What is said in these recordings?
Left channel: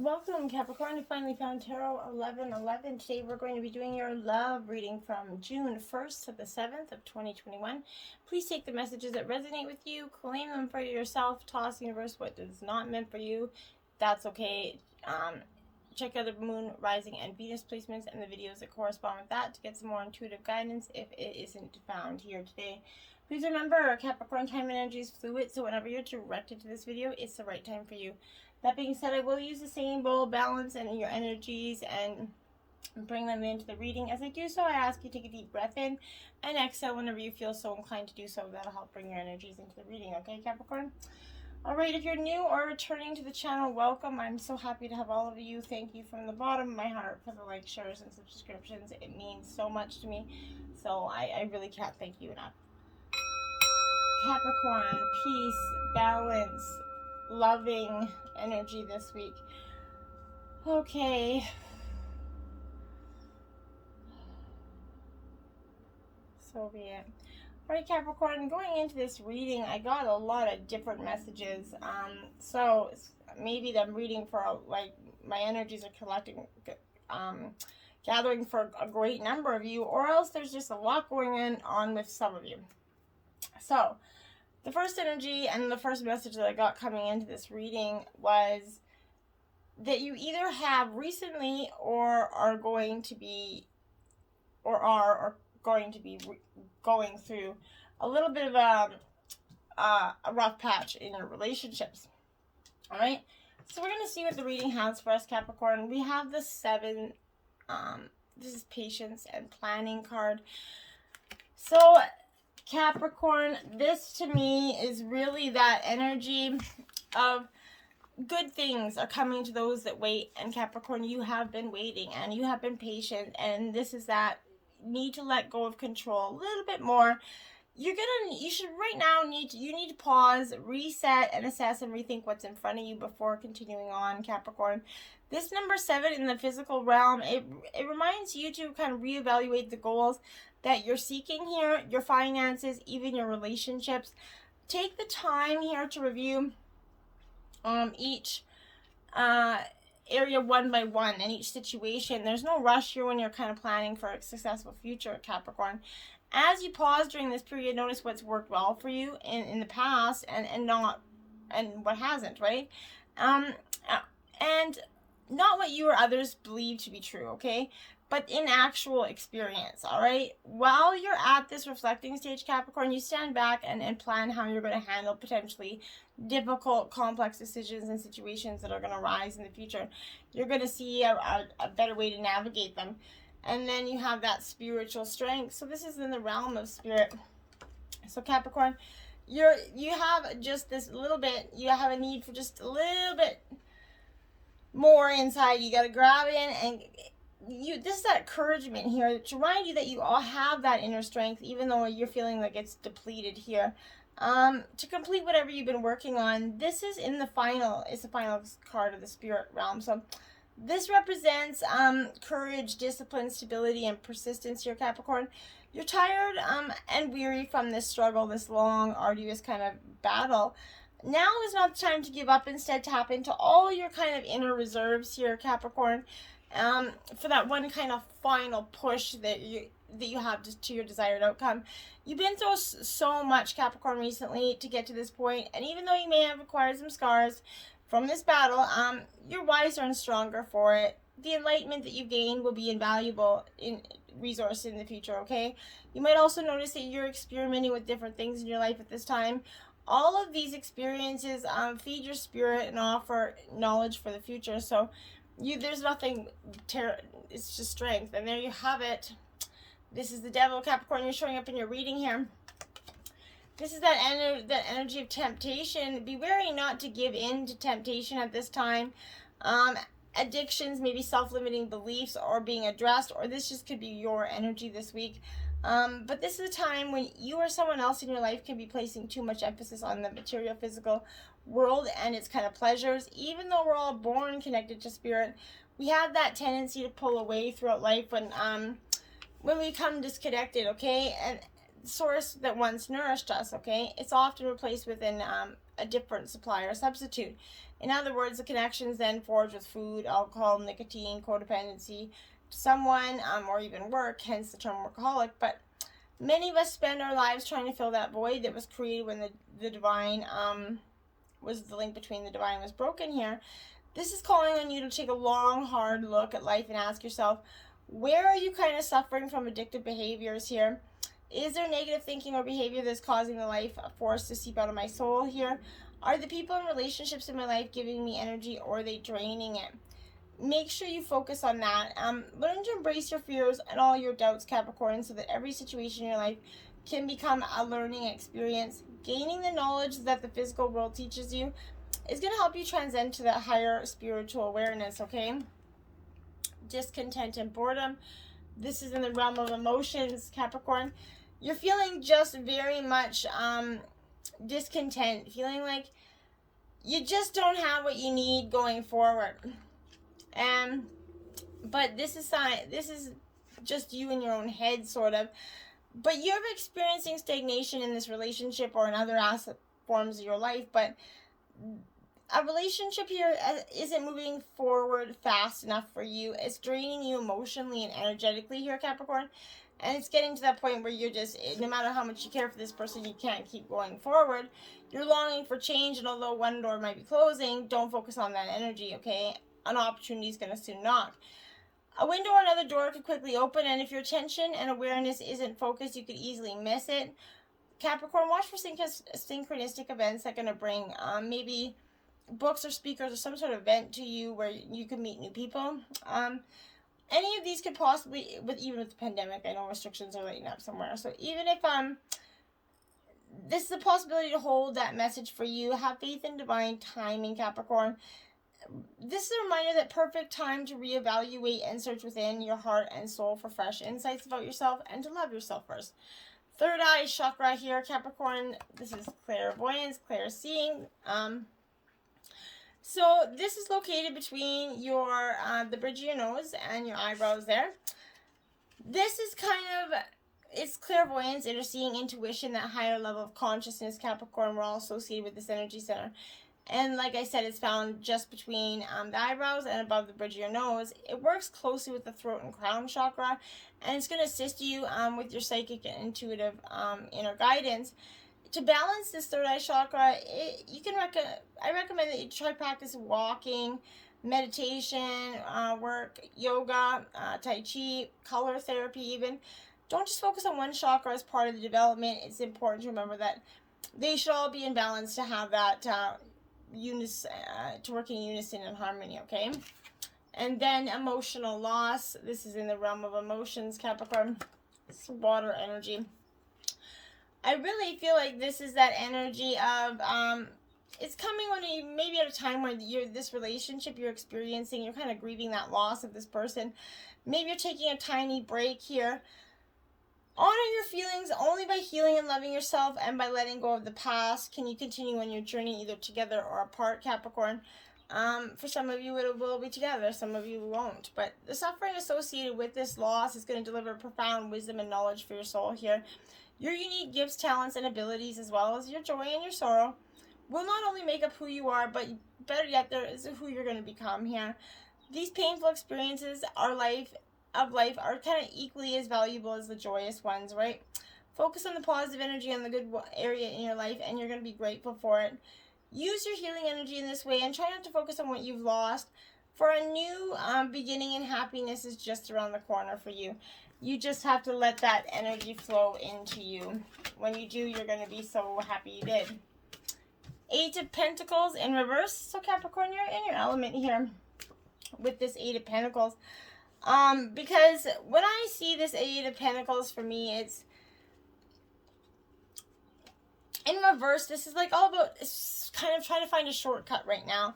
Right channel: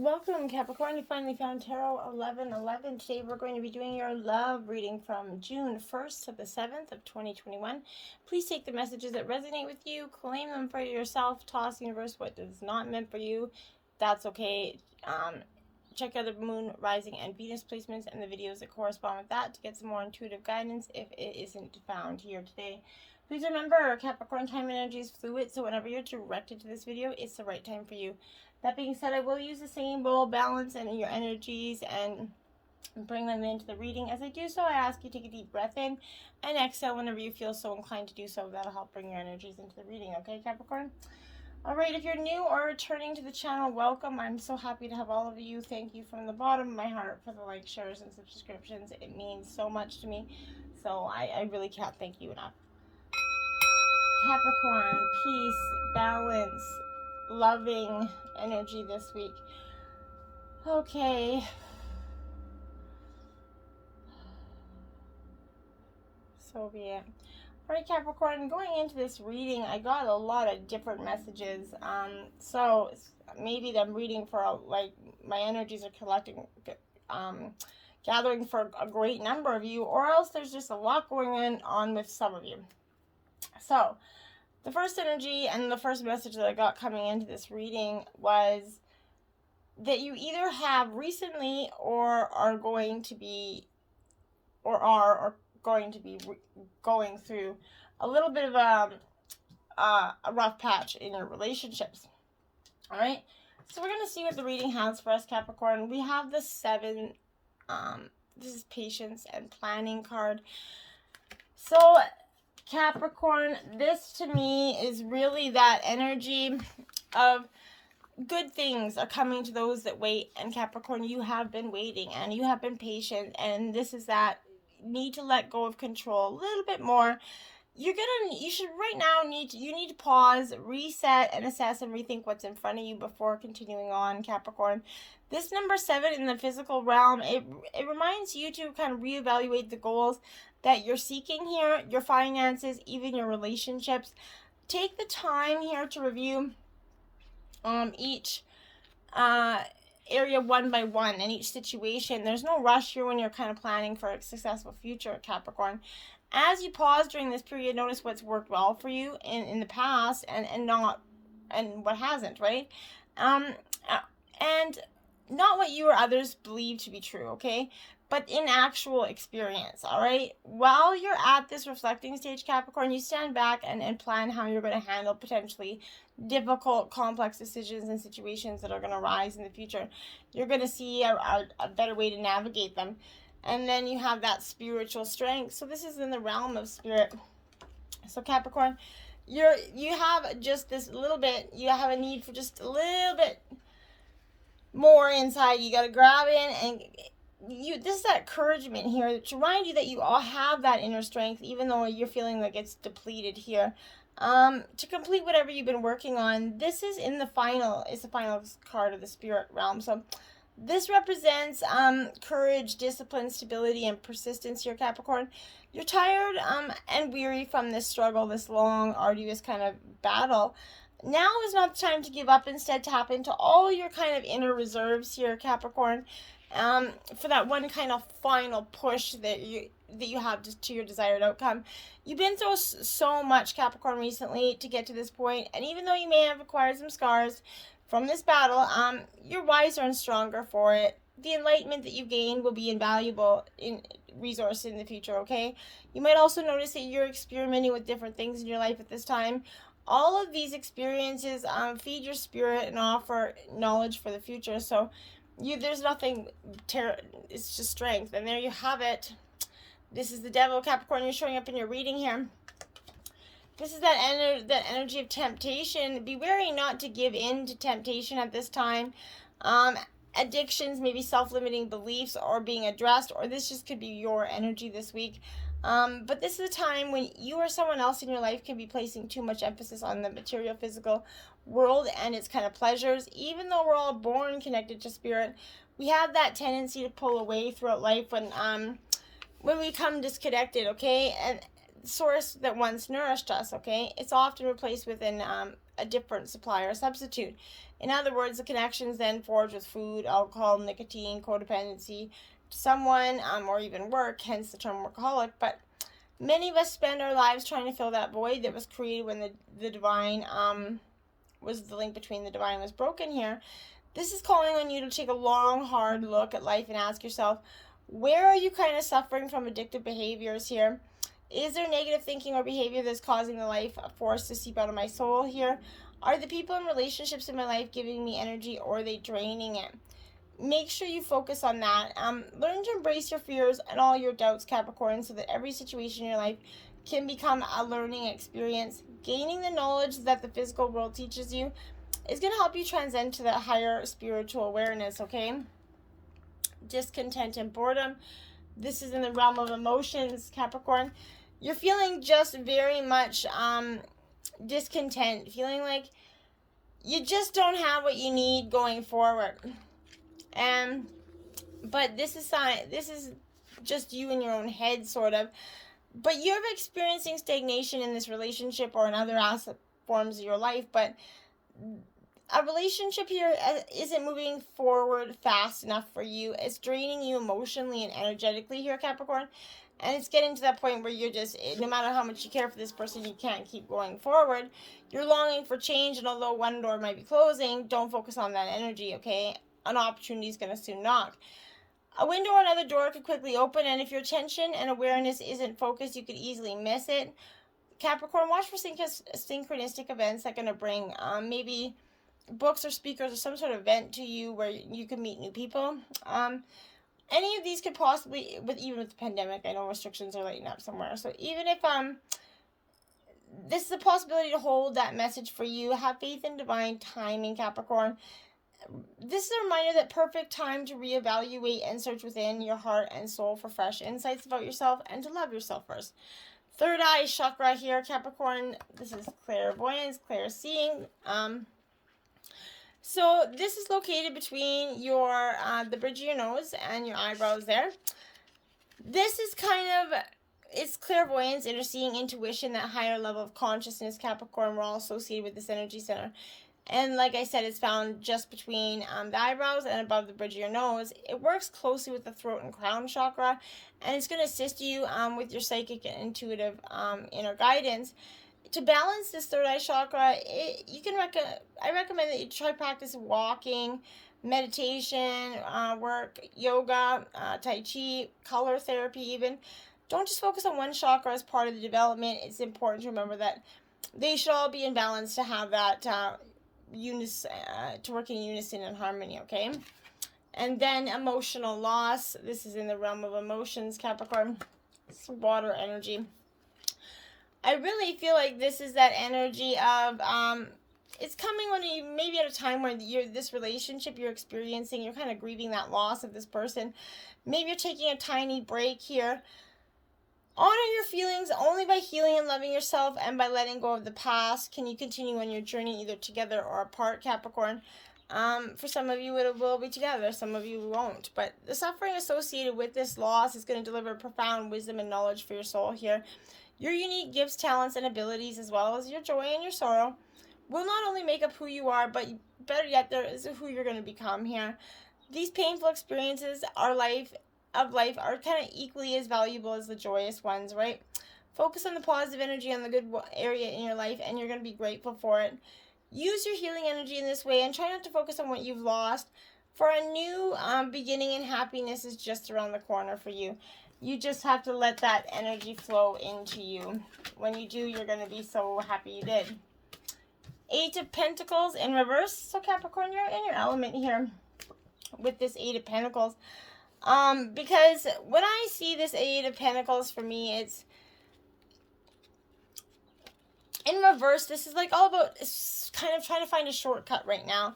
Welcome, Capricorn. You finally found Tarot 1111. Today we're going to be doing your love reading from June 1st to the 7th of 2021. Please take the messages that resonate with you, claim them for yourself, toss universe what is not meant for you. That's okay. Check out the moon, rising, and Venus placements and the videos that correspond with that to get some more intuitive guidance if it isn't found here today. Please remember, Capricorn, time and energy is fluid, so whenever you're directed to this video, it's the right time for you. That being said, I will use the same bowl balance and your energies and bring them into the reading. As I do so, I ask you to take a deep breath in and exhale whenever you feel so inclined to do so. That'll help bring your energies into the reading, okay, Capricorn? Alright, if you're new or returning to the channel, welcome. I'm so happy to have all of you. Thank you from the bottom of my heart for the likes, shares, and subscriptions. It means so much to me, so I really can't thank you enough. Capricorn, peace, balance, loving energy this week. Okay. So be it. Alright, Capricorn, going into this reading, I got a lot of different messages. So maybe I'm reading for, like, my energies are collecting, gathering for a great number of you, or else there's just a lot going on with some of you. So, the first energy and the first message that I got coming into this reading was that you either have recently or are going to be going through a little bit of a rough patch in your relationships. All right, so we're going to see what the reading has for us, Capricorn. We have the 7. This is patience and planning card. So Capricorn, this to me is really that energy of good things are coming to those that wait. And Capricorn, you have been waiting and you have been patient, and this is that need to let go of control a little bit more. You need to pause, reset, and assess and rethink what's in front of you before continuing on, Capricorn. This number 7 in the physical realm, it reminds you to kind of reevaluate the goals that you're seeking here, your finances, even your relationships. Take the time here to review each area one by one and each situation. There's no rush here when you're kind of planning for a successful future, Capricorn. As you pause during this period, notice what's worked well for you in the past and what hasn't, right? And not what you or others believe to be true, okay? But in actual experience, all right? While you're at this reflecting stage, Capricorn, you stand back and plan how you're going to handle potentially difficult, complex decisions and situations that are going to arise in the future. You're going to see a better way to navigate them. And then you have that spiritual strength. So this is in the realm of spirit. So Capricorn, you have just this little bit, you have a need for just a little bit more inside. You got to grab in and this is that encouragement here to remind you that you all have that inner strength, even though you're feeling like it's depleted here, to complete whatever you've been working on. This is in the final, it's the final card of the spirit realm. So this represents courage, discipline, stability, and persistence here, Capricorn. You're tired and weary from this struggle, this long, arduous kind of battle. Now is not the time to give up. Instead, tap into all your kind of inner reserves here, Capricorn, for that one kind of final push that you have to your desired outcome. You've been through so much, Capricorn, recently to get to this point, and even though you may have acquired some scars from this battle, you're wiser and stronger for it. The enlightenment that you gain will be invaluable resource in the future, okay? You might also notice that you're experimenting with different things in your life at this time. All of these experiences feed your spirit and offer knowledge for the future. So there's nothing, it's just strength. And there you have it. This is the devil, Capricorn. You're showing up in your reading here. This is that energy of temptation. Be wary not to give in to temptation at this time. Addictions, maybe self-limiting beliefs are being addressed, or this just could be your energy this week. But this is a time when you or someone else in your life can be placing too much emphasis on the material, physical world and its kind of pleasures. Even though we're all born connected to spirit, we have that tendency to pull away throughout life when we become disconnected, okay? And source that once nourished us, okay, it's often replaced within a different supplier substitute. In other words, the connections then forged with food, alcohol, nicotine, codependency, someone, or even work, hence the term workaholic. But many of us spend our lives trying to fill that void that was created when the divine, was the link between the divine was broken here. This is calling on you to take a long, hard look at life and ask yourself, where are you kind of suffering from addictive behaviors here? Is there negative thinking or behavior that's causing the life force to seep out of my soul here? Are the people and relationships in my life giving me energy, or are they draining it? Make sure you focus on that. Learn to embrace your fears and all your doubts, Capricorn, so that every situation in your life can become a learning experience. Gaining the knowledge that the physical world teaches you is going to help you transcend to that higher spiritual awareness, okay? Discontent and boredom. This is in the realm of emotions, Capricorn. You're feeling just very much discontent, feeling like you just don't have what you need going forward. But this is just you in your own head, sort of. But you're experiencing stagnation in this relationship or in other forms of your life. But a relationship here isn't moving forward fast enough for you. It's draining you emotionally and energetically here, Capricorn. And it's getting to that point where you're just, no matter how much you care for this person, you can't keep going forward. You're longing for change, and although one door might be closing, don't focus on that energy, okay? An opportunity is going to soon knock. A window or another door could quickly open, and if your attention and awareness isn't focused, you could easily miss it. Capricorn, watch for synchronistic events that are going to bring maybe books or speakers or some sort of event to you where you can meet new people. Any of these could possibly, even with the pandemic, I know restrictions are lighting up somewhere. So even if this is a possibility to hold that message for you, have faith in divine timing, Capricorn. This is a reminder that perfect time to reevaluate and search within your heart and soul for fresh insights about yourself and to love yourself first. Third eye chakra here, Capricorn. This is clairvoyance, clairseeing. So this is located between your the bridge of your nose and your eyebrows there. This is it's clairvoyance, interseeing, intuition, that higher level of consciousness, Capricorn. We're all associated with this energy center. And like I said, it's found just between the eyebrows and above the bridge of your nose. It works closely with the throat and crown chakra, and it's going to assist you with your psychic and intuitive inner guidance. To balance this third eye chakra, I recommend that you try practice walking, meditation, work, yoga, tai chi, color therapy even. Don't just focus on one chakra as part of the development. It's important to remember that they should all be in balance to have that to work in unison and harmony, okay? And then emotional loss. This is in the realm of emotions, Capricorn. It's water energy. I really feel like this is that energy of it's coming when you maybe at a time where this relationship you're experiencing, you're kind of grieving that loss of this person. Maybe you're taking a tiny break here. Honor your feelings. Only by healing and loving yourself and by letting go of the past can you continue on your journey, either together or apart, Capricorn. For some of you, it will be together. Some of you won't. But the suffering associated with this loss is going to deliver profound wisdom and knowledge for your soul here. Your unique gifts, talents, and abilities, as well as your joy and your sorrow, will not only make up who you are, but better yet, there is who you're going to become here. These painful experiences are are kind of equally as valuable as the joyous ones, right? Focus on the positive energy, on the good area in your life, and you're going to be grateful for it. Use your healing energy in this way, and try not to focus on what you've lost, for a new beginning and happiness is just around the corner for you. You just have to let that energy flow into you. When you do, you're going to be so happy you did. 8 of Pentacles in reverse. So Capricorn, you're in your element here with this 8 of Pentacles. Because when I see this 8 of Pentacles, for me, it's in reverse. This is like all about kind of trying to find a shortcut right now.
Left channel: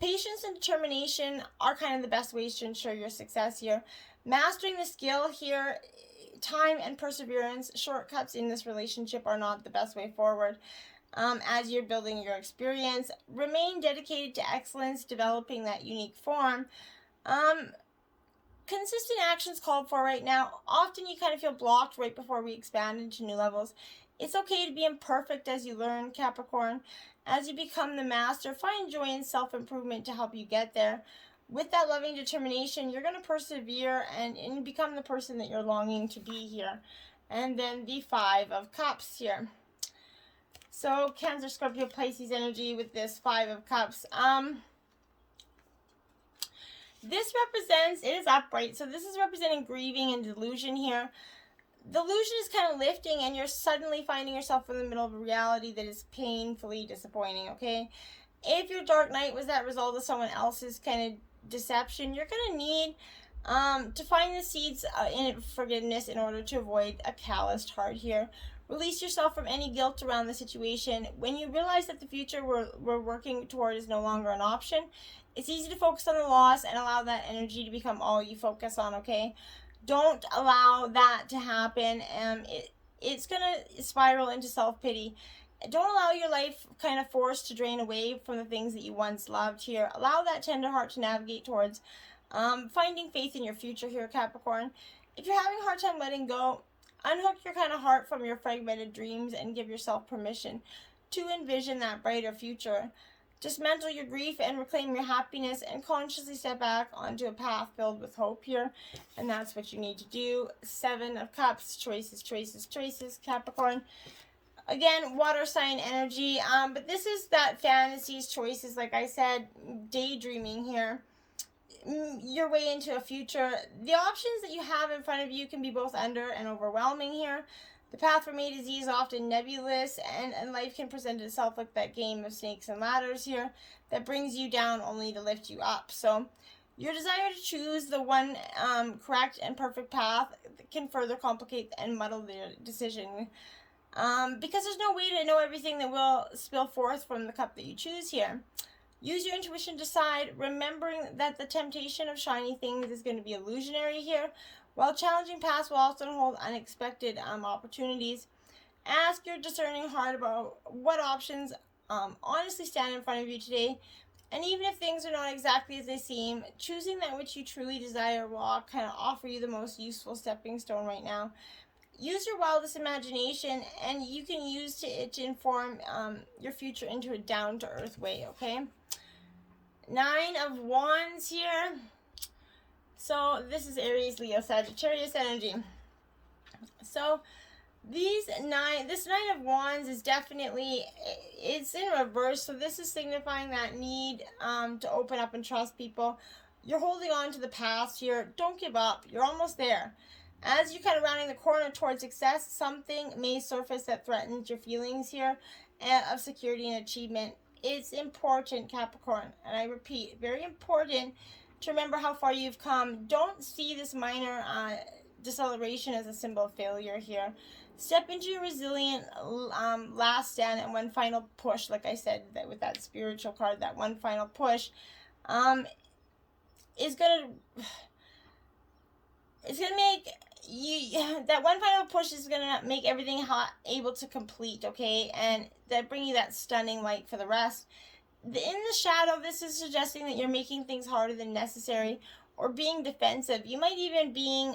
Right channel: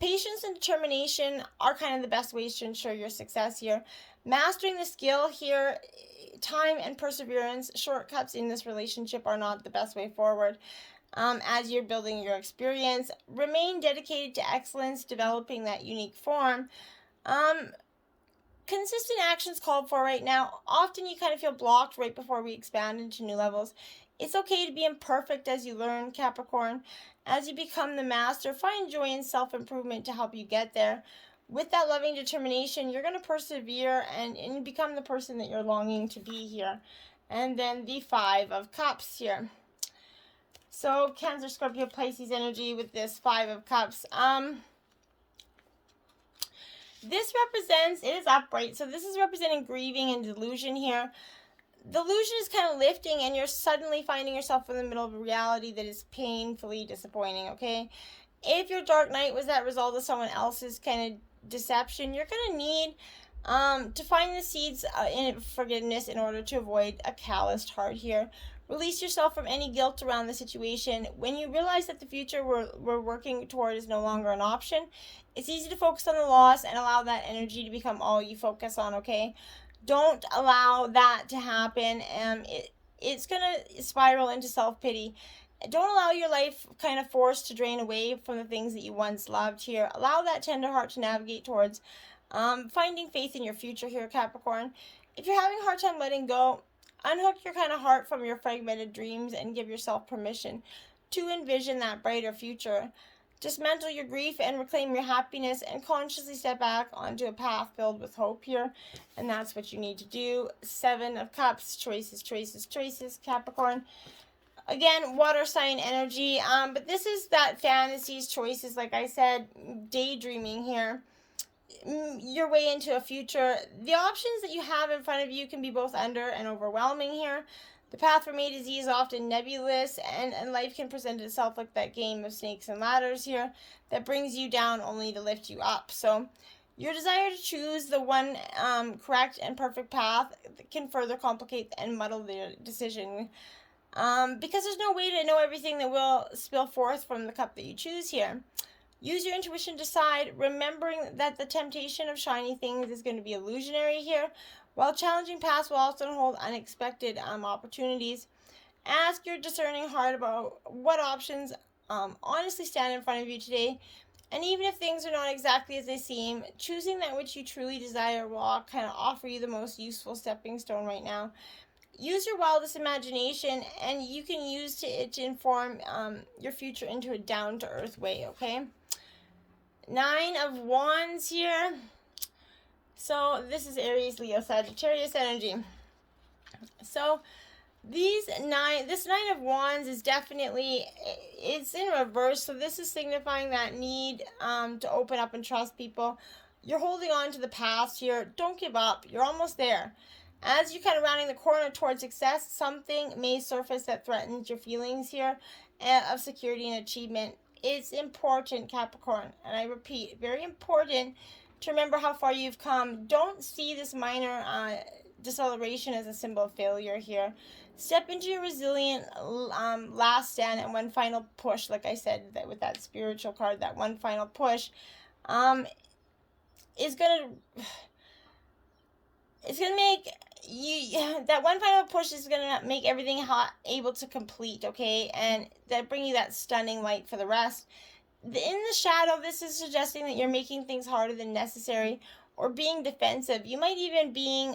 Patience and determination are kind of the best ways to ensure your success here. Mastering the skill here, time and perseverance, shortcuts in this relationship are not the best way forward. As you're building your experience, remain dedicated to excellence, developing that unique form. Consistent actions called for right now. Often you kind of feel blocked right before we expand into new levels. It's okay to be imperfect as you learn, Capricorn. As you become the master, find joy in self-improvement to help you get there. With that loving determination, you're going to persevere and become the person that you're longing to be here. And then the Five of Cups here. So Cancer, Scorpio, Pisces energy with this Five of Cups. This represents, it is upright, so this is representing grieving and delusion here. Delusion is kind of lifting, and you're suddenly finding yourself in the middle of a reality that is painfully disappointing, okay? If your dark night was that result of someone else's kind of deception, you're going to need to find the seeds in forgiveness in order to avoid a calloused heart here. Release yourself from any guilt around the situation. When you realize that the future we're working toward is no longer an option, it's easy to focus on the loss and allow that energy to become all you focus on, okay? Don't allow that to happen. It's going to spiral into self-pity. Don't allow your life kind of forced to drain away from the things that you once loved here. Allow that tender heart to navigate towards finding faith in your future here, Capricorn. If you're having a hard time letting go, unhook your kind of heart from your fragmented dreams and give yourself permission to envision that brighter future. Dismantle your grief and reclaim your happiness and consciously step back onto a path filled with hope here. And that's what you need to do. Seven of Cups, choices, choices, choices, Capricorn. Again, water sign energy. But this is that fantasies, choices, like I said, daydreaming here. Your way into a future. The options that you have in front of you can be both under and overwhelming here. The path from A to Z is often nebulous, and life can present itself like that game of snakes and ladders here that brings you down only to lift you up. So your desire to choose the one correct and perfect path can further complicate and muddle the decision, because there's no way to know everything that will spill forth from the cup that you choose here. Use your intuition to decide, remembering that the temptation of shiny things is going to be illusionary here, while challenging paths will often hold unexpected opportunities. Ask your discerning heart about what options honestly stand in front of you today. And even if things are not exactly as they seem, choosing that which you truly desire will kind of offer you the most useful stepping stone right now. Use your wildest imagination, and you can use it to inform your future into a down-to-earth way, okay? Nine of Wands here. So this is Aries, Leo, Sagittarius energy. So this Nine of Wands is definitely, it's in reverse. So this is signifying that need to open up and trust people. You're holding on to the past here. Don't give up. You're almost there. As you're kind of rounding the corner towards success, something may surface that threatens your feelings here of security and achievement. It's important, Capricorn, and I repeat, very important to remember how far you've come. Don't see this minor deceleration as a symbol of failure here. Step into your resilient last stand and one final push. Like I said, that with that spiritual card, that one final push is gonna make you, that one final push is gonna make everything able to complete, okay, and that bring you that stunning light for the rest. In the shadow, this is suggesting that you're making things harder than necessary or being defensive. You might even be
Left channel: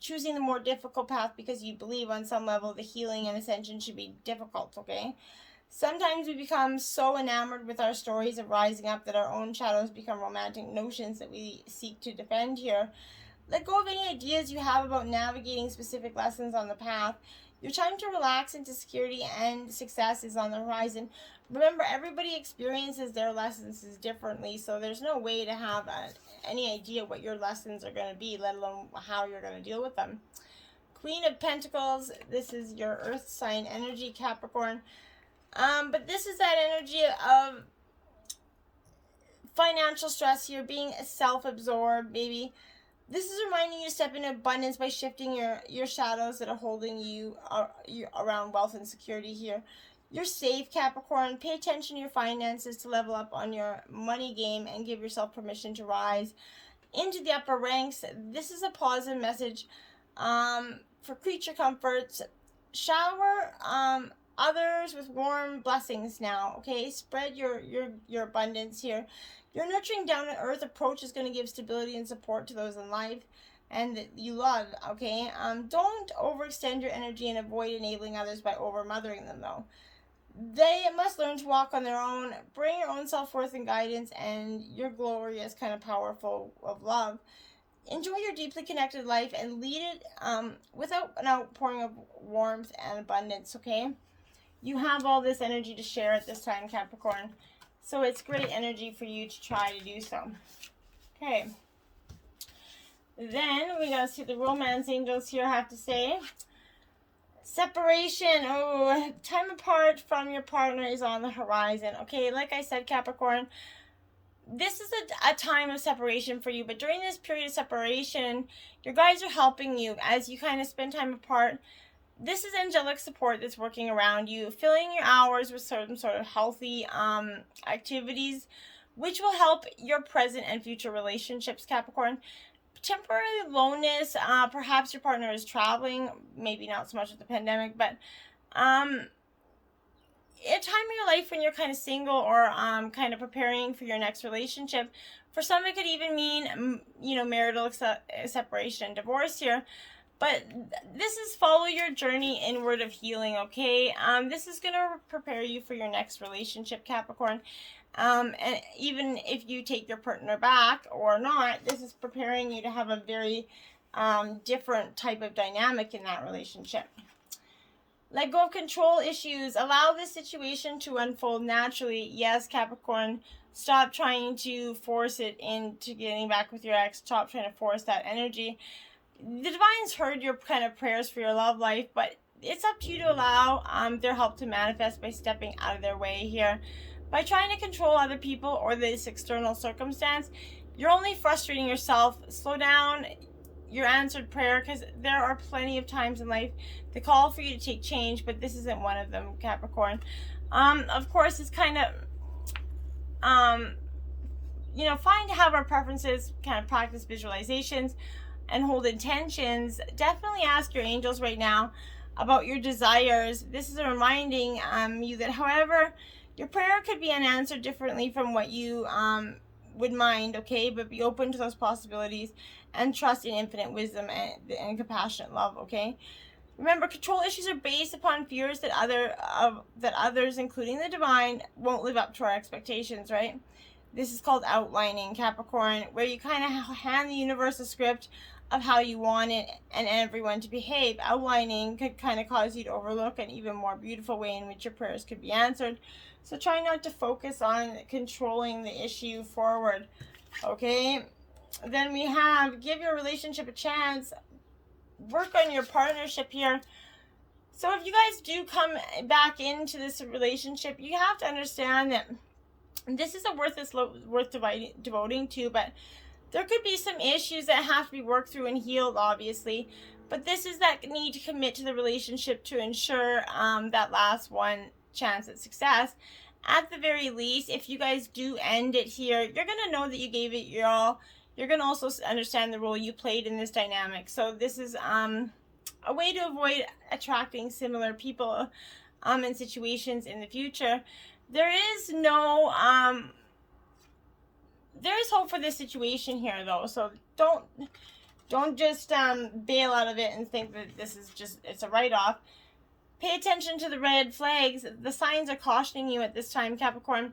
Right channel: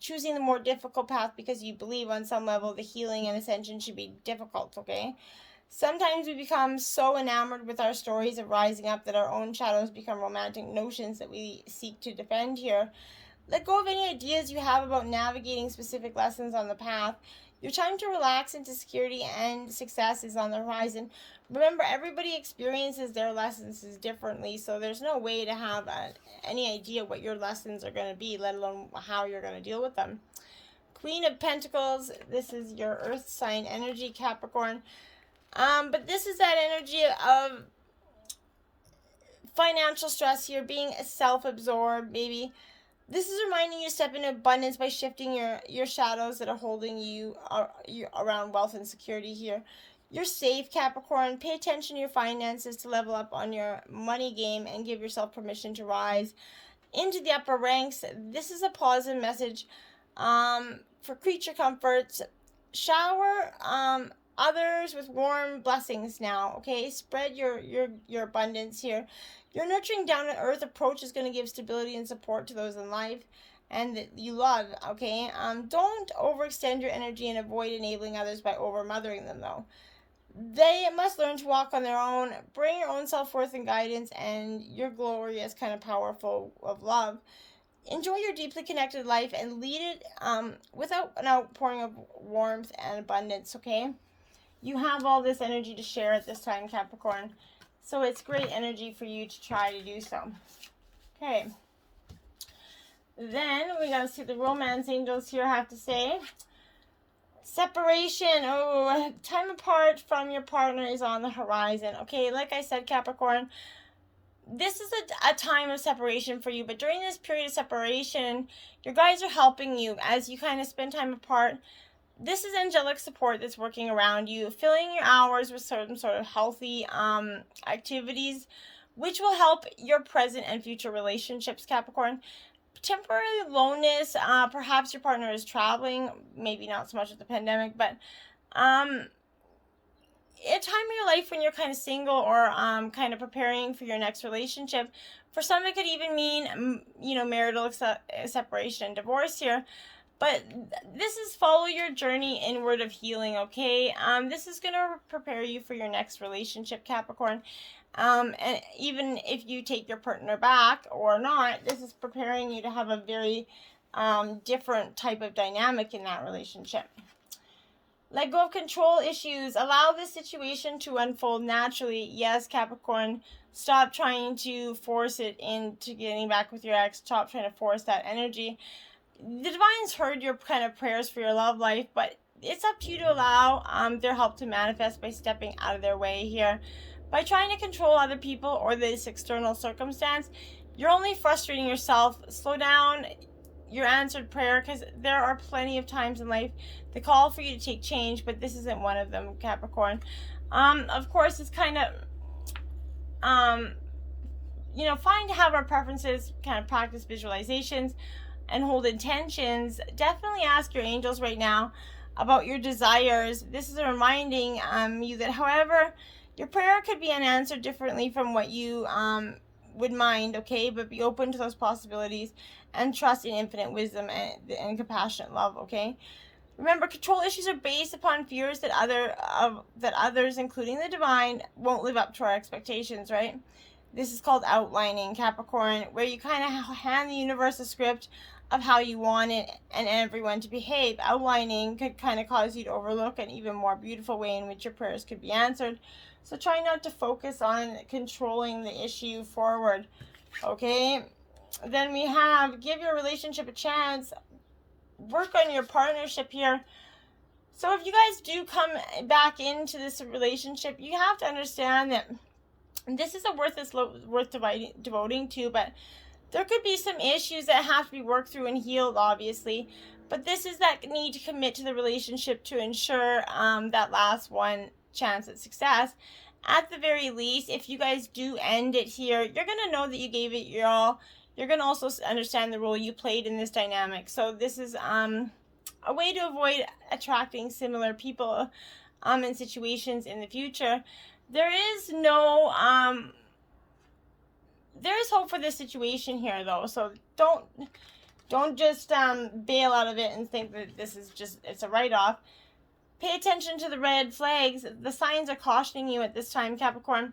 choosing the more difficult path because you believe on some level the healing and ascension should be difficult, okay? Sometimes we become so enamored with our stories of rising up that our own shadows become romantic notions that we seek to defend here. Let go of any ideas you have about navigating specific lessons on the path. Your time to relax into security and success is on the horizon. Remember, everybody experiences their lessons differently, so there's no way to have any idea what your lessons are going to be, let alone how you're going to deal with them. Queen of Pentacles, this is your earth sign energy, Capricorn. But this is that energy of financial stress here, being self-absorbed, maybe. This is reminding you to step into abundance by shifting your shadows that are holding you around wealth and security here. You're safe, Capricorn. Pay attention to your finances to level up on your money game and give yourself permission to rise into the upper ranks. This is a positive message for creature comforts. Shower others with warm blessings now, okay? Spread your abundance here. Your nurturing down-to-earth approach is going to give stability and support to those in life and that you love, okay? Don't overextend your energy and avoid enabling others by over-mothering them, though. They must learn to walk on their own, bring your own self-worth and guidance, and your glorious kind of powerful of love. Enjoy your deeply connected life and lead it without an outpouring of warmth and abundance, okay? You have all this energy to share at this time, Capricorn. So it's great energy for you to try to do so. Okay. Then we gotta see the romance angels here have to say. Separation. Oh, time apart from your partner is on the horizon. Okay, like I said, Capricorn, this is a time of separation for you. But during this period of separation, your guides are helping you as you kind of spend time apart. This is angelic support that's working around you, filling your hours with certain sort of healthy activities, which will help your present and future relationships, Capricorn. Temporary aloneness, perhaps your partner is traveling, maybe not so much with the pandemic, but a time in your life when you're kind of single or kind of preparing for your next relationship. For some, it could even mean, you know, marital separation and divorce here. But this is follow your journey inward of healing, okay? This is going to prepare you for your next relationship, Capricorn. And even if you take your partner back or not, this is preparing you to have a very different type of dynamic in that relationship. Let go of control issues. Allow this situation to unfold naturally. Yes, Capricorn, stop trying to force it into getting back with your ex. Stop trying to force that energy. The Divines heard your kind of prayers for your love life, but it's up to you to allow their help to manifest by stepping out of their way here. By trying to control other people or this external circumstance, you're only frustrating yourself. Slow down your answered prayer, because there are plenty of times in life that call for you to take change, but this isn't one of them, Capricorn. Of course, it's kind of you know, fine to have our preferences, kind of practice visualizations and hold intentions. Definitely ask your angels right now about your desires. This is reminding you that, however, your prayer could be unanswered differently from what you would mind, okay? But be open to those possibilities and trust in infinite wisdom and compassionate love, okay? Remember, control issues are based upon fears that others, including the divine, won't live up to our expectations, right? This is called outlining, Capricorn, where you kind of hand the universe a script of how you want it and everyone to behave. Outlining could kind of cause you to overlook an even more beautiful way in which your prayers could be answered. So try not to focus on controlling the issue forward, okay? Then we have give your relationship a chance. Work on your partnership here. So if you guys do come back into this relationship, you have to understand that this is a worth devoting to, but there could be some issues that have to be worked through and healed, obviously. But this is that need to commit to the relationship to ensure that last one chance at success. At the very least, if you guys do end it here, you're going to know that you gave it your all. You're going to also understand the role you played in this dynamic. So this is a way to avoid attracting similar people in situations in the future. There is no there is hope for this situation here, though, so don't just bail out of it and think that this is just, it's a write-off. Pay attention to the red flags. The signs are cautioning you at this time, Capricorn.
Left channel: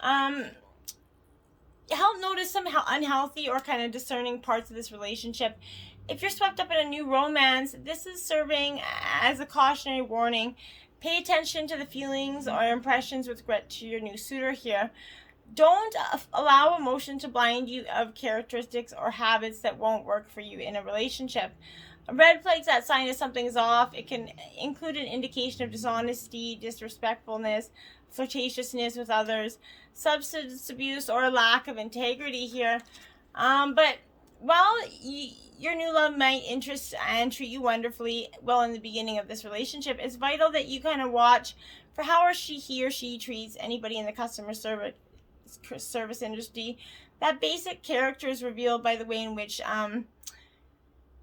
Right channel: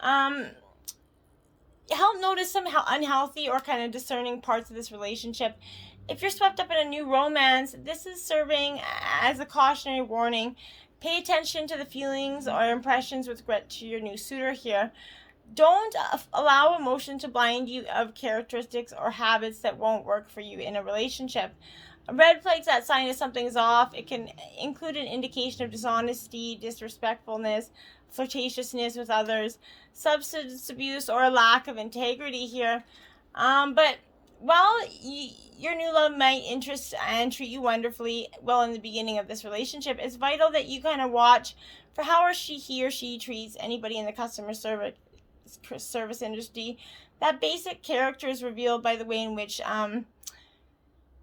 Help notice some unhealthy or kind of discerning parts of this relationship. If you're swept up in a new romance, this is serving as a cautionary warning. Pay attention to the feelings or impressions with regard to your new suitor here. Don't allow emotion to blind you of characteristics or habits that won't work for you in a relationship. A red flag, that sign is something's off. It can include an indication of dishonesty, disrespectfulness, flirtatiousness with others, substance abuse, or a lack of integrity here. But while your new love might interest and treat you wonderfully well in the beginning of this relationship, it's vital that you kind of watch for how he or she treats anybody in the customer service industry. That basic character is revealed by the way in which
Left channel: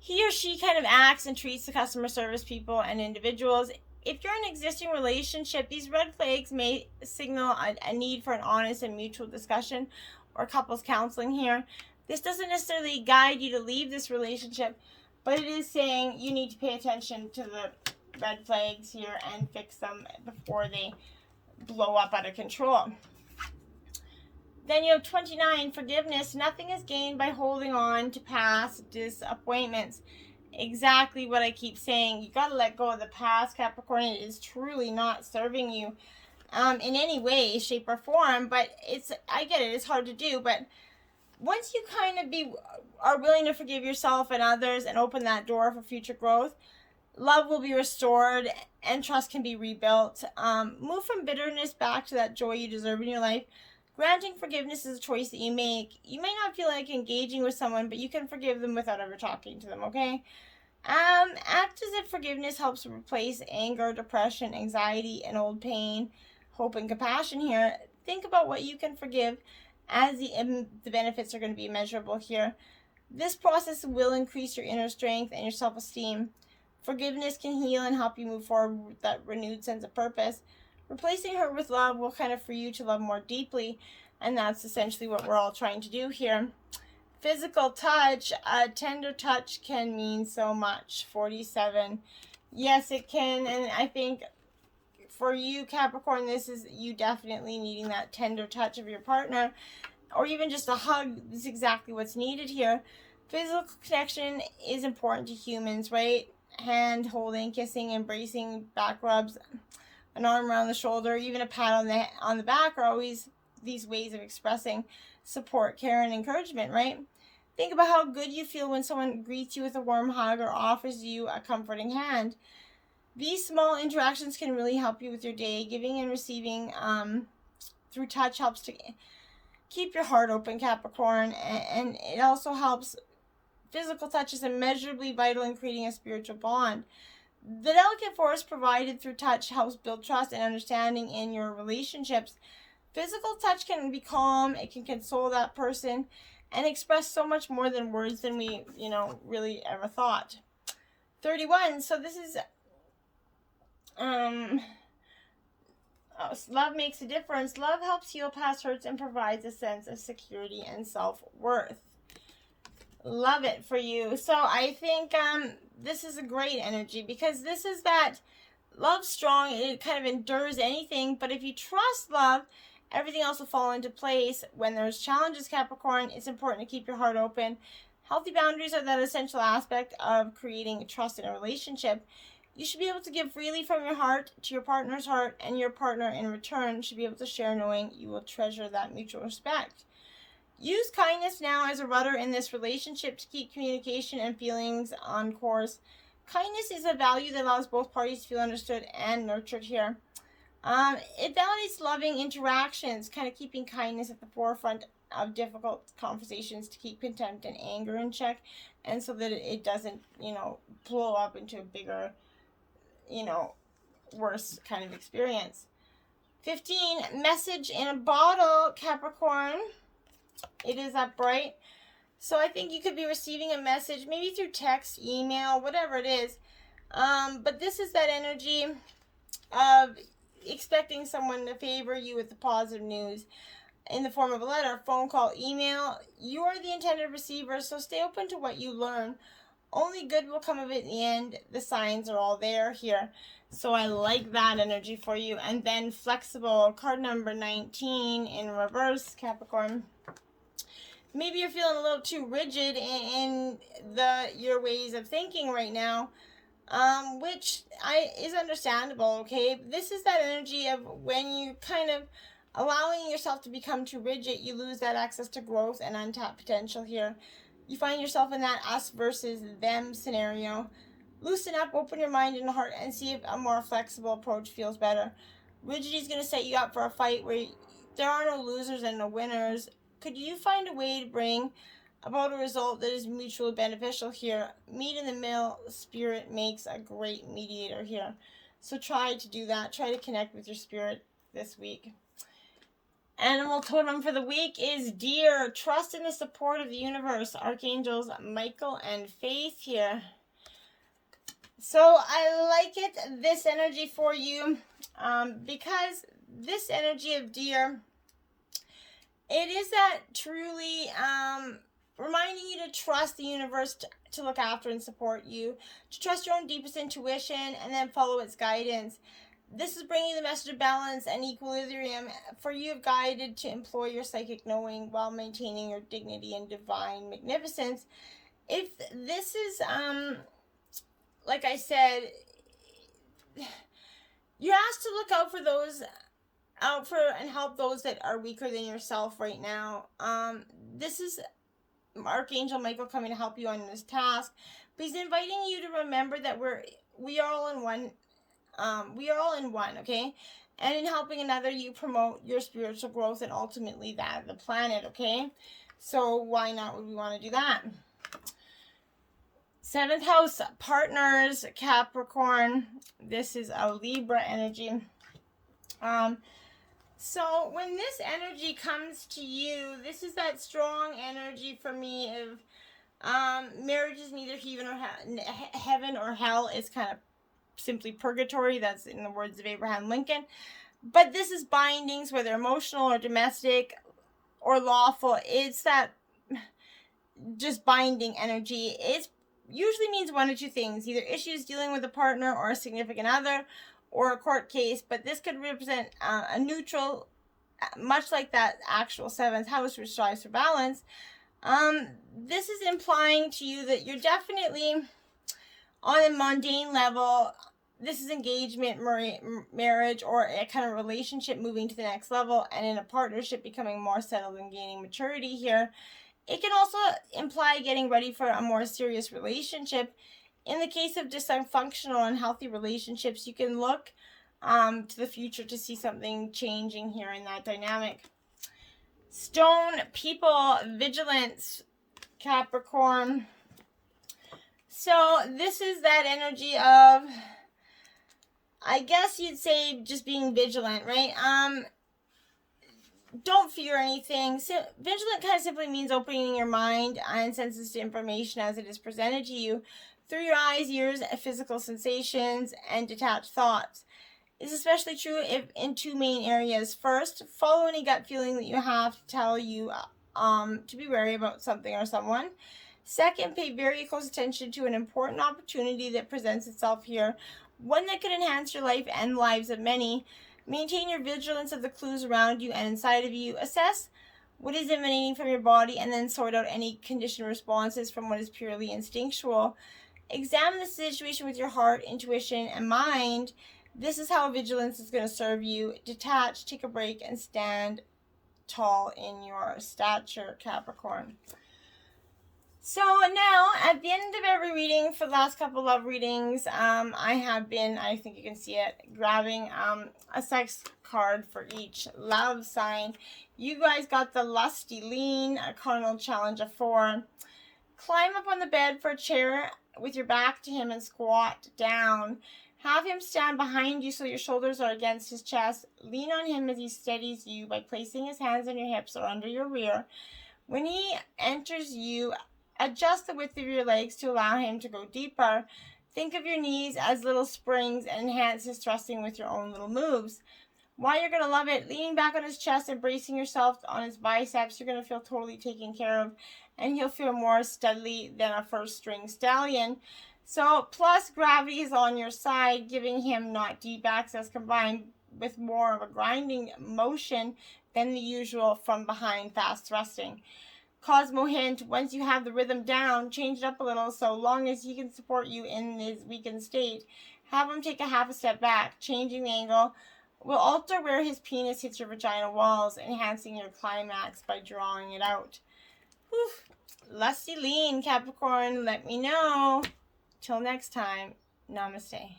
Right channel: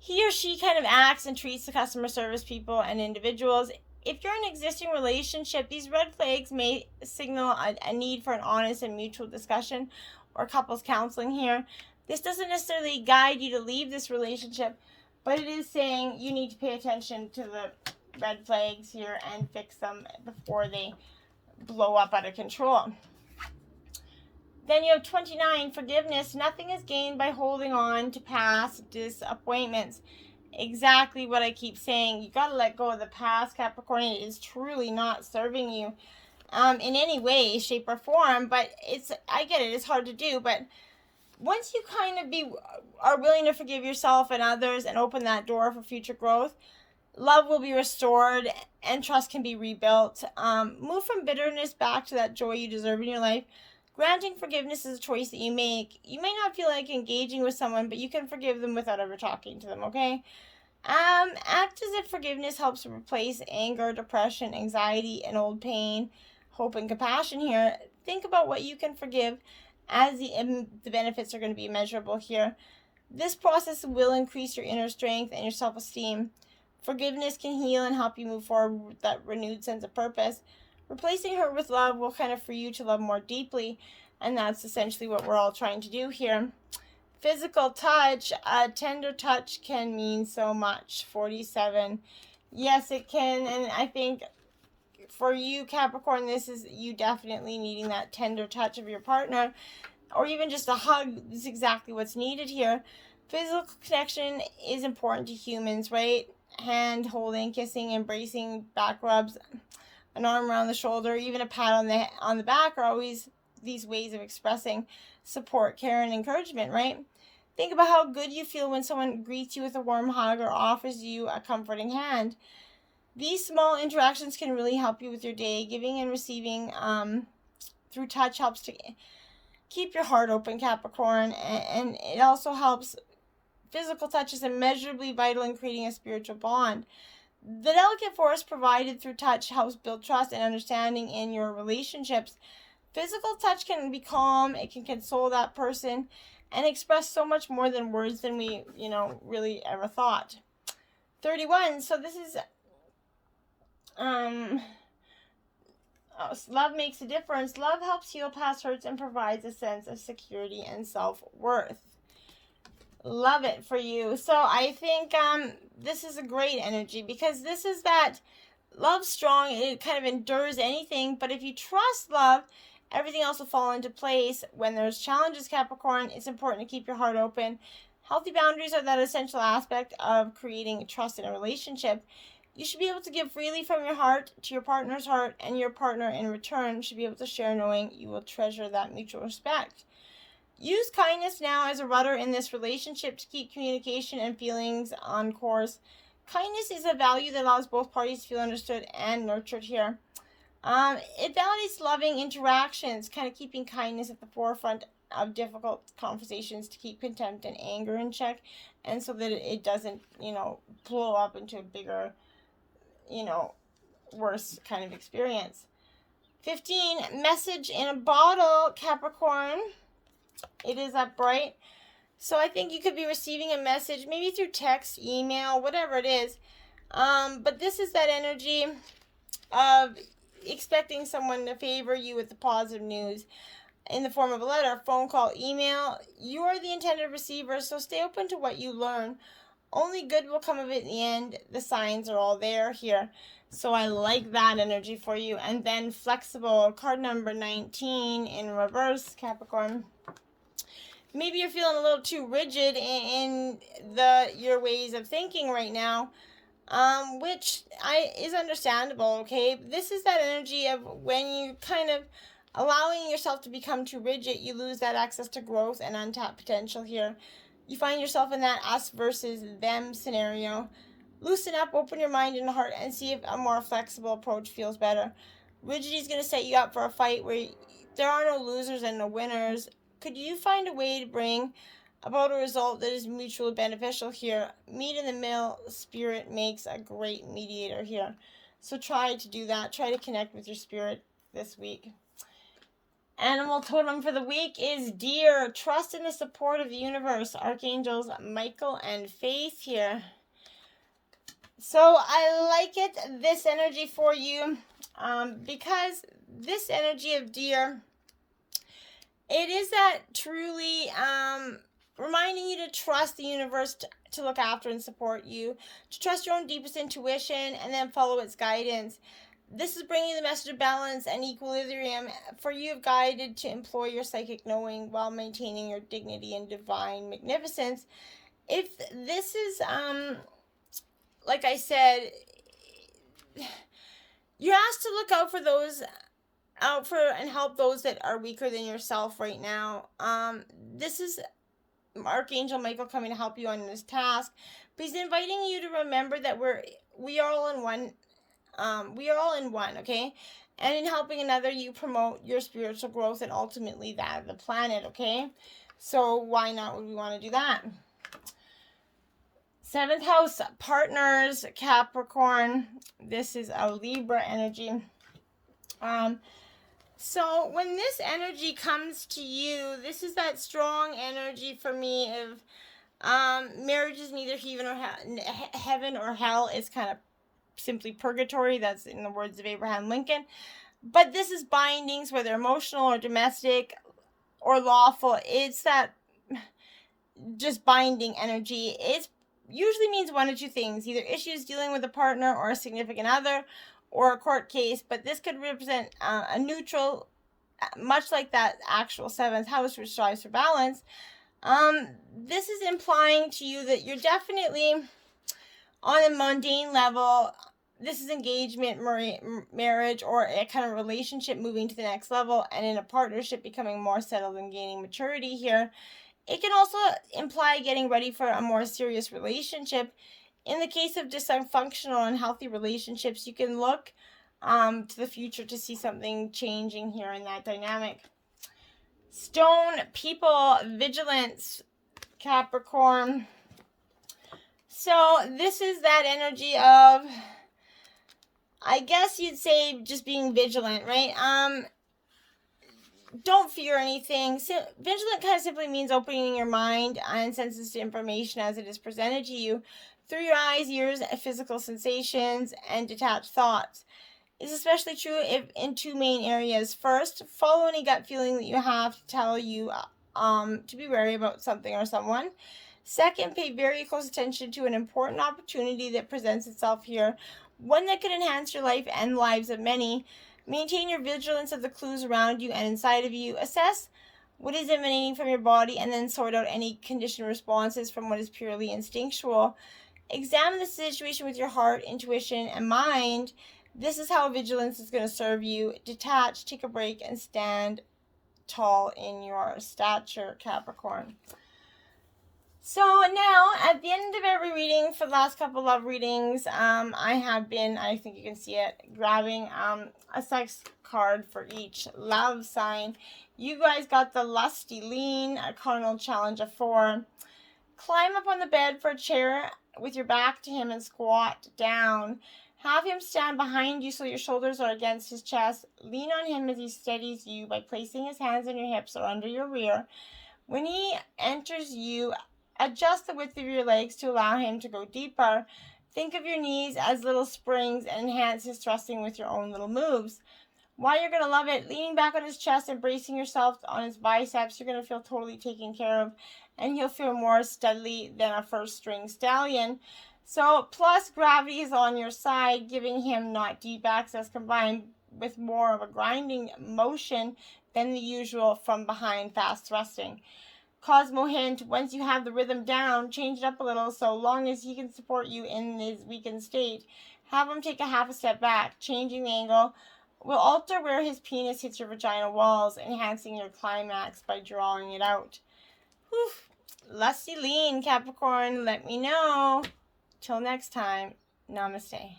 he or she kind of acts and treats the customer service people and individuals. If you're in an existing relationship, these red flags may signal a need for an honest and mutual discussion or couples counseling here. This doesn't necessarily guide you to leave this relationship, but it is saying you need to pay attention to the red flags here and fix them before they blow up out of control. Then you have 29, forgiveness. Nothing is gained by holding on to past disappointments. Exactly what I keep saying. You got to let go of the past, Capricorn. It is truly not serving you in any way, shape, or form. But I get it. It's hard to do. But once you kind of are willing to forgive yourself and others and open that door for future growth, love will be restored and trust can be rebuilt. Move from bitterness back to that joy you deserve in your life. Granting forgiveness is a choice that you make. You may not feel like engaging with someone, but you can forgive them without ever talking to them, okay? Act as if forgiveness helps to replace anger, depression, anxiety, and old pain, hope, and compassion here. Think about what you can forgive, as the benefits are going to be measurable here. This process will increase your inner strength and your self-esteem. Forgiveness can heal and help you move forward with that renewed sense of purpose. Replacing hurt with love will kind of free you to love more deeply, and that's essentially what we're all trying to do here. Physical touch, a tender touch can mean so much. 47. Yes, it can, and I think for you, Capricorn, this is you definitely needing that tender touch of your partner, or even just a hug is exactly what's needed here. Physical connection is important to humans, right? Hand holding, kissing, embracing, back rubs, an arm around the shoulder, even a pat on the back are always these ways of expressing support, care, and encouragement, right? Think about how good you feel when someone greets you with a warm hug or offers you a comforting hand. These small interactions can really help you with your day. Giving and receiving through touch helps to keep your heart open, Capricorn, and it also helps. Physical touch is immeasurably vital in creating a spiritual bond. The delicate force provided through touch helps build trust and understanding in your relationships. Physical touch can be calm, it can console that person, and express so much more than words than we, really ever thought. 31, so this is, love makes a difference. Love helps heal past hurts and provides a sense of security and self-worth. Love it for you. So I think this is a great energy, because this is that love strong. It kind of endures anything, but if you trust love, everything else will fall into place. When there's challenges, Capricorn, it's important to keep your heart open. Healthy boundaries are that essential aspect of creating trust in a relationship. You should be able to give freely from your heart to your partner's heart, and your partner in return should be able to share, knowing you will treasure that mutual respect. Use kindness now as a rudder in this relationship to keep communication and feelings on course. Kindness is a value that allows both parties to feel understood and nurtured here. It validates loving interactions, kind of keeping kindness at the forefront of difficult conversations to keep contempt and anger in check, and so that it doesn't, blow up into a bigger, worse kind of experience. 15, message in a bottle, Capricorn. It is upright. So I think you could be receiving a message, maybe through text, email, whatever it is. But this is that energy of expecting someone to favor you with the positive news in the form of a letter, phone call, email. You are the intended receiver, so stay open to what you learn. Only good will come of it in the end. The signs are all there here. So I like that energy for you. And then flexible, card number 19 in reverse, Capricorn. Maybe you're feeling a little too rigid in your ways of thinking right now, which is understandable, okay? This is that energy of when you kind of allowing yourself to become too rigid, you lose that access to growth and untapped potential here. You find yourself in that us versus them scenario. Loosen up, open your mind and heart, and see if a more flexible approach feels better. Rigidity is going to set you up for a fight where there are no losers and no winners. Could you find a way to bring about a result that is mutually beneficial here? Meet in the middle. Spirit makes a great mediator here. So try to do that. Try to connect with your spirit this week. Animal totem for the week is deer. Trust in the support of the universe. Archangels Michael and Faith here. So I like it, this energy for you, because this energy of deer, it is that truly reminding you to trust the universe to look after and support you, to trust your own deepest intuition and then follow its guidance. This is bringing the message of balance and equilibrium for you, guided to employ your psychic knowing while maintaining your dignity and divine magnificence. If this is, like I said, you're asked to look out for and help those that are weaker than yourself right now. This is Archangel Michael coming to help you on this task. But he's inviting you to remember that we are all in one. We are all in one, okay? And in helping another, you promote your spiritual growth and ultimately that of the planet, okay? So why not would we want to do that? 7th house, partners, Capricorn. This is a Libra energy. So when this energy comes to you, this is that strong energy for me of marriage is neither heaven or hell. It's kind of simply purgatory. That's in the words of Abraham Lincoln. But this is bindings, whether emotional or domestic or lawful. It's that just binding energy. It usually means one of two things: either issues dealing with a partner or a significant other, or a court case. But this could represent a neutral, much like that actual 7th house, which strives for balance. This is implying to you that you're definitely on a mundane level. This is engagement, marriage, or a kind of relationship moving to the next level, and in a partnership becoming more settled and gaining maturity here. It can also imply getting ready for a more serious relationship. In the case of dysfunctional and unhealthy relationships, you can look to the future to see something changing here in that dynamic. Stone, people, vigilance, Capricorn. So this is that energy of, I guess you'd say, just being vigilant, right? Don't fear anything. So, vigilant kind of simply means opening your mind and senses to information as it is presented to you through your eyes, ears, physical sensations, and detached thoughts. It's especially true in two main areas. First, follow any gut feeling that you have to tell you to be wary about something or someone. Second, pay very close attention to an important opportunity that presents itself here, one that could enhance your life and lives of many. Maintain your vigilance of the clues around you and inside of you. Assess what is emanating from your body and then sort out any conditioned responses from what is purely instinctual. Examine the situation with your heart, intuition, and mind. This is how vigilance is going to serve you. Detach, take a break, and stand tall in your stature, Capricorn. So now, at the end of every reading, for the last couple love readings, I have been, I think you can see it, grabbing a sex card for each love sign. You guys got the lusty lean, a carnal challenge of 4. Climb up on the bed for a chair with your back to him and squat down. Have him stand behind you so your shoulders are against his chest. Lean on him as he steadies you by placing his hands on your hips or under your rear. When he enters you, adjust the width of your legs to allow him to go deeper. Think of your knees as little springs and enhance his thrusting with your own little moves. Why you're going to love it, leaning back on his chest and bracing yourself on his biceps, you're going to feel totally taken care of, and he'll feel more steadily than a first-string stallion. So, plus gravity is on your side, giving him not deep access combined with more of a grinding motion than the usual from behind fast thrusting. Cosmo hint, once you have the rhythm down, change it up a little so long as he can support you in his weakened state. Have him take a half a step back. Changing the angle will alter where his penis hits your vaginal walls, enhancing your climax by drawing it out. Whew. Lusty lean, Capricorn, let me know. Till next time, namaste.